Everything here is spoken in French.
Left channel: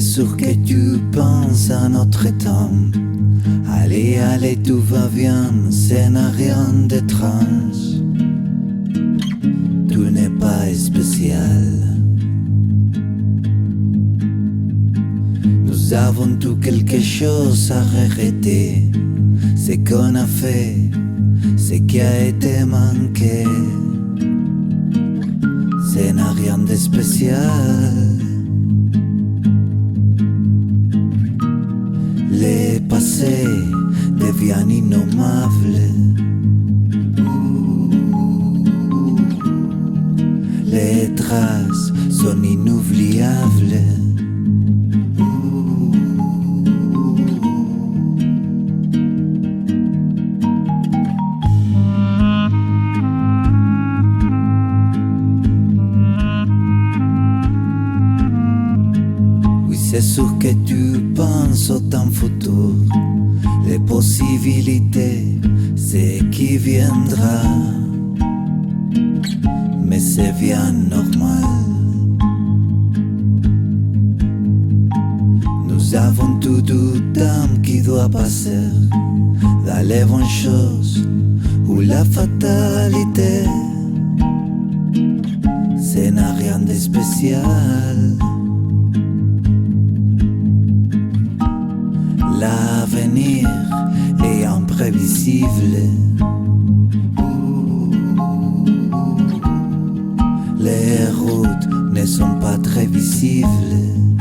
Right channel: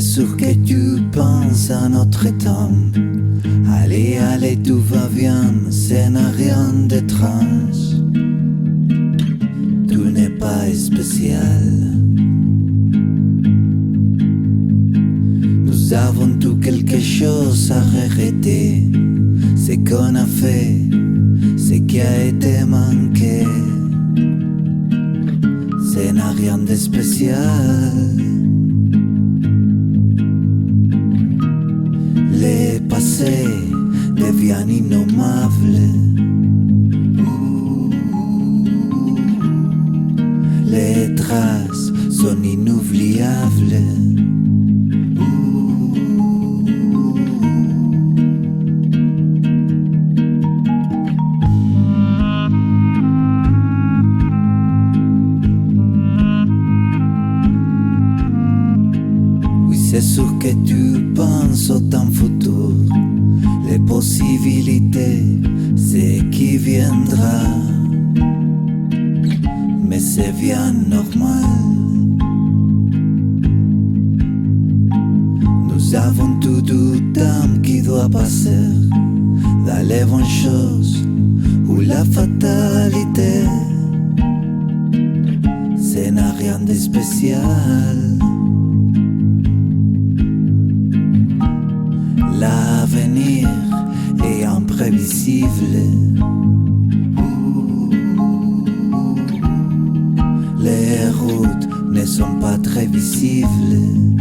c'est sûr que tu penses à notre temps. Allez, allez, tout va bien, ça n'a rien d'étrange. Tout n'est pas spécial. Nous avons tout quelque chose à regretter. Ce qu'on a fait, ce qui a été manqué. Ça n'a rien de spécial. Le passé devient innommable. Les traces sont inoubliables. C'est sûr que tu penses au temps futur, les possibilités, ce qui viendra. Mais c'est bien normal. Nous avons tout du temps qui doit passer dans les bonnes choses ou la fatalité. Ce n'a rien de spécial. L'avenir est imprévisible. Les routes ne sont pas très visibles.